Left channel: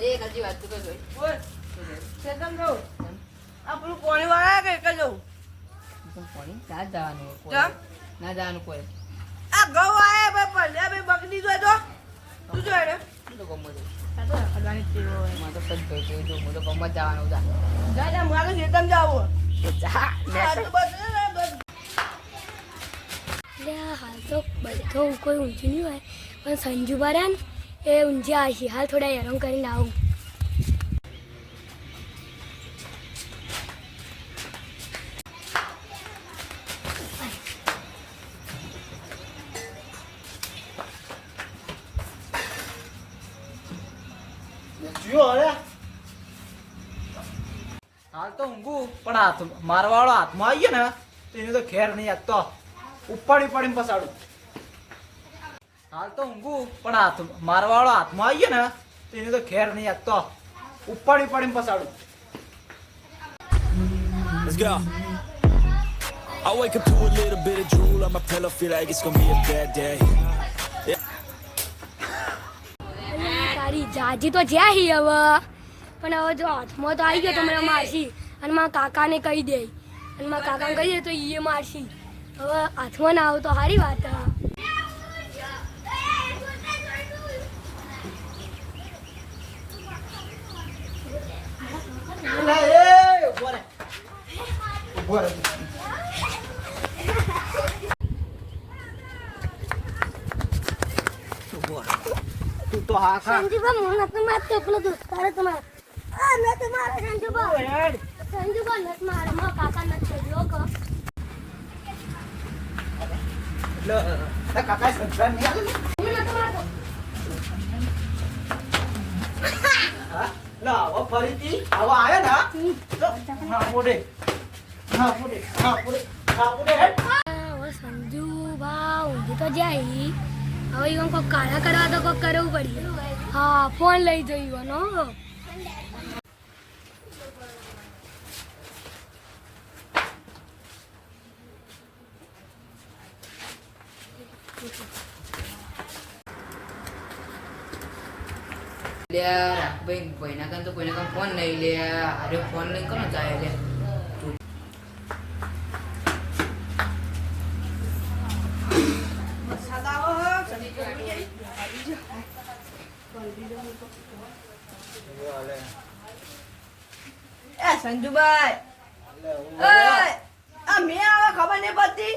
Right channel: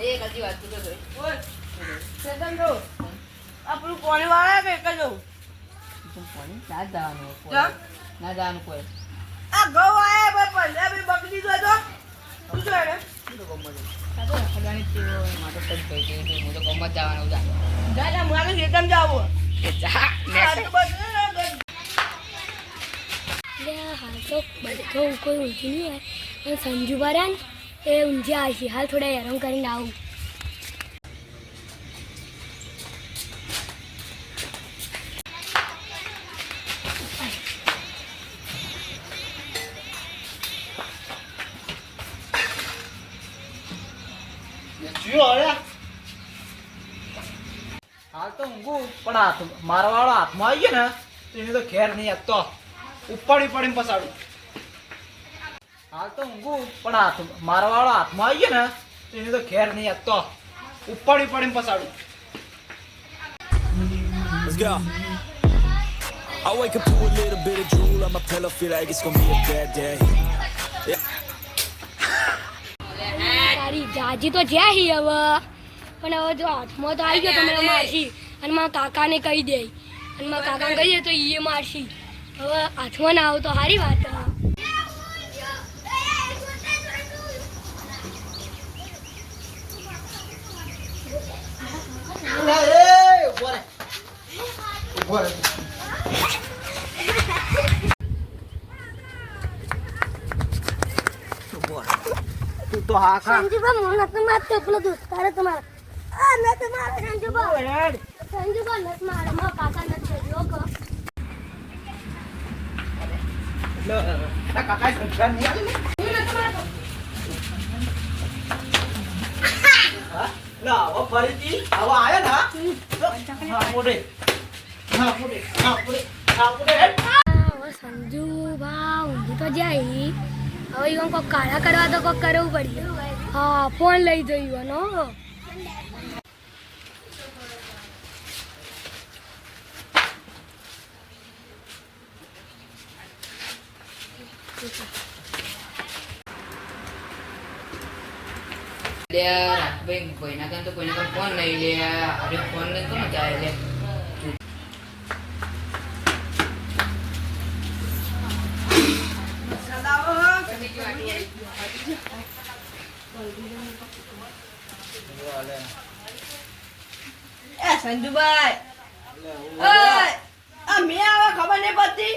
એક હજી વાત તો જોઈ. બોલ ચેતન જો આપણું કોણી વાળા કે એક જ કોની? ના જવાનું કોઈ. ના જવાનું કોઈ. આ ઘઉં આયા ભાઈ ભાઈ બકરી જો તું. જો એને? તો જ હોય. મારે ચેતન જાવું એ હાલ તો બધું કોઈ ઊંચી નહીં હોય. પણ સંજુ બરાન એ ઊંઝા આવશે હાલ થોડા હેરાન કરીને આવું. હાલ તો ઊંઘું, પણ હાથ મારવા વાળો હાથમાં આવી ગયો ને, તો એને તો ઘેર નહીં આપતો ઉપાડી ઉપાડીને પસાડું. હાલ તો ઊંઘું પણ હાથ મારવા વાળો હાથમાં આવી ગયો ને તો એને તો ખેર નહીં આપતો ઉપાડી ઉપાડીને પસાડું. Let's go. I wake up to a little bit of drool on my pillow, feel like it's gonna be a bad day. તારી જાજી તો જ્યાં હી હવે? પણ હવે જો હાથમાં તો આવી ગયો તો મને મારશી. અને મારા કાકાને કહી દે. અને મારા કાકાને કહી દે તો એ મારશી. હવે હાથમાં ના આવું તો સારી વાત હે. એ ઊભો રહે રહે. તું તો હા ખા સંજુબા મને નતું મારતો પેલો દોસ્તાર જ મારે આ હવે ફરીથી આવો આયો ને સંજુ કરવા હા ફોન લઈ જઈ નો રાખભાઈ, કોઈના કાન તો કોઈના કાન ફોન નહીં લે. અરે ફોન નહીં કોનો જાય લે? એ સંજુભાઈ. આ મેં આવે ખબર નહીં પડતી.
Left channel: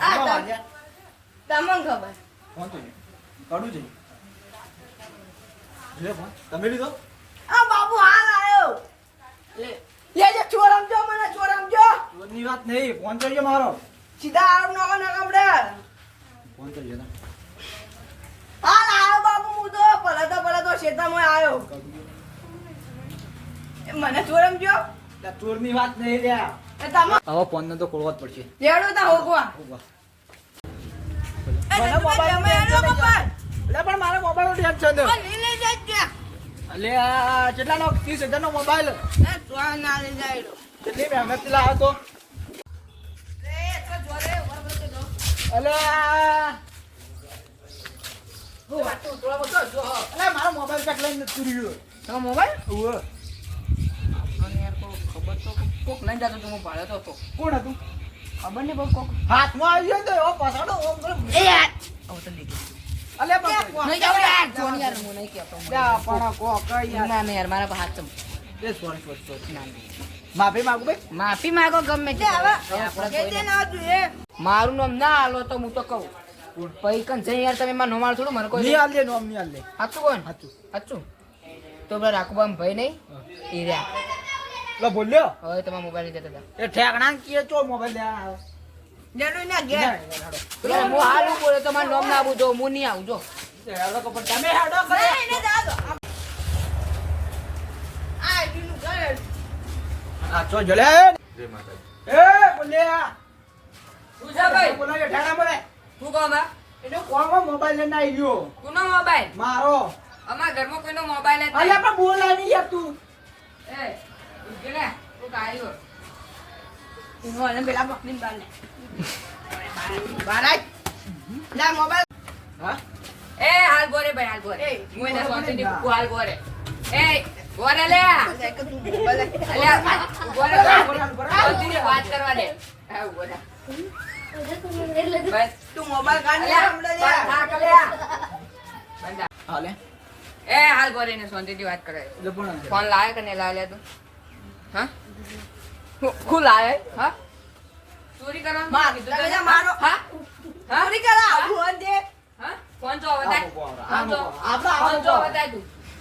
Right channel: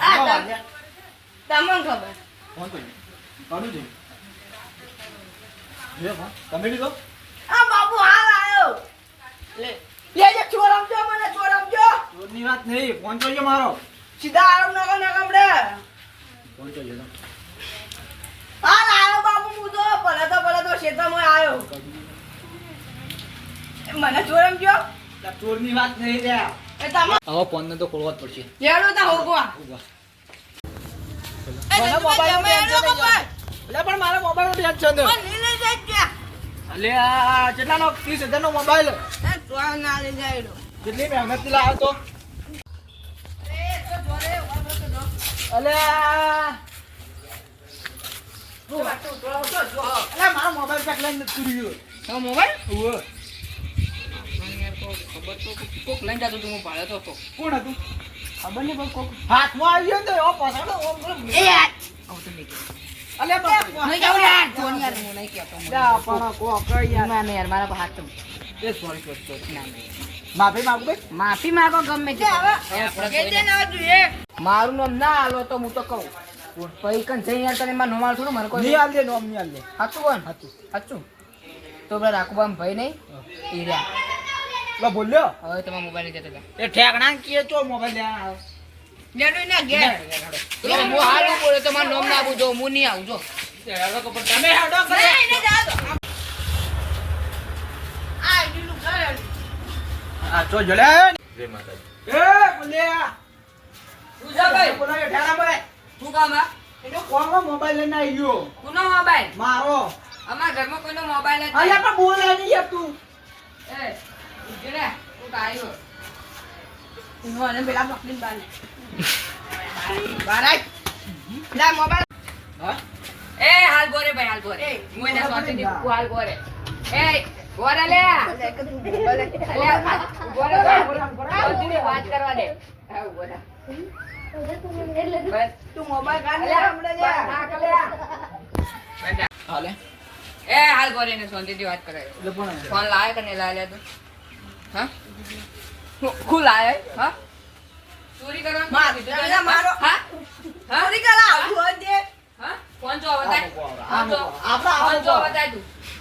આ તમ- તમને ખબર. ફોન તો કાઢું છે. જોઈએ ફોન તમે લીધો? આ બાબુ હાલ આવ્યો લે લેજે ચોર સમજો મને ચોર સમજો ચોરની વાત નહીં ફોન તો મારો. સીધા આરામ નકો નકમડે ફોન તો ના હાલ આવ્યો બાબુ હું તો ભલે તો ભલે તો શેતામાં આવ્યો એ ચોર સમજો વાત નહીં રહ્યા હવે ફોન ને તો ખોલવા જ પડશે. હેડો તા હોગવા. ઊભા. એ મને સંજુભાઈ, મોબાઈલનું તમે હેડો ટેન્શન કપાય. એટલે પણ મારે મોબાઈલનું ટેન્શન ત્રીસ હજાર નો મોબાઈલ હેડો. કેટલી મહેનતથી લાવ્યો તો. અલે આ હું વાતો ઉતરો તો જો. અલે મારો મોબાઈલ પેક લઈને નથી તમારો મોબાઈલ? ઉવ્વ. મને યાર કોક ખબર તો કોક- કોક લઈને જતો તો ભાડે તો કોણ હતું ખબર નહીં પણ કોક હાથમાં આવી ગયો તો એવો પસાડો ઓમ કરે. એ યાર. આવતો નહીં અલે નહીં જાઉં યાર. જોન યાર, હું નહીં કહેતો. જા પણ કોક યાર ના, ના યાર, મારા પર હાથ એ સોરી સોરી સોરી ના, ના. માફી માંગુ ભાઈ માફી માંગો ગમે તે હવે. મારું નામ ના આલો તો હું તો કહું પછી કન જઈ યાર તમે મારું નોમાળ થોડું મને કોઈ નહીં આલ દે નોમ નહીં આલ દે. કોણ? હાચું. તો પેલા રાખુબામ ભાઈ નહીં. એ રહ્યા. લો બોલ્યો. હવે તમારા મોબાઈલ જતા હતા. એ ઠેકણા કીએ ચો મોબાઈલ લેવા આવે ના ઘેર. તો હું હાલ બોલે તો મારું નામ ના આવું જો હું નહીં આવું જો. તમે હાડો નહીં, નહીં, જા આ આઈડીનું ઘર. આ ચો જલે? એ બોલ્યા. તું જા ભાઈ. બોલાવે કે ઠેકણા બોલે શું કામ આ? એનો કોનો મોબાઈલ લઈને આવી ગયો? કોનો મોબાઈલ મારો. અમાર ઘરમાં કોઈનો મોબાઈલ નથી અલ્યા પણ બોલ આવી યાર તું એ ઉજે તું કાયો ઈનો ને પેલા પકડીને બાને બારાય લા મોબાઈલ હા? એ હાલ ગોરે ભાઈ હાલ ગોરે હું એને સોતે ની કુ હાલ ગોરે એ ગોરે લે. બોલે અલ્યા ગોરે ગોરે વાત કરવા દે. હા ગોરે બસ. મોબાઈલ કાઢી લાવે તું? હા? હું લાવે? હા? ચોરી કરવાનું મારો હા? હા? ચોરી ફોન જો ફોન જો જો બતાય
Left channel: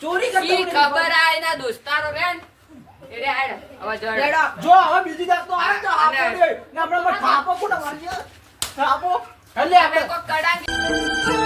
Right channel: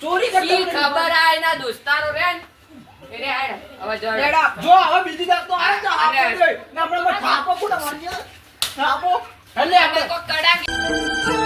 ચોરી ખબર આ એના દોસ્તારો રે જો હવે બીજી આપણે. કોઈ કડાંગી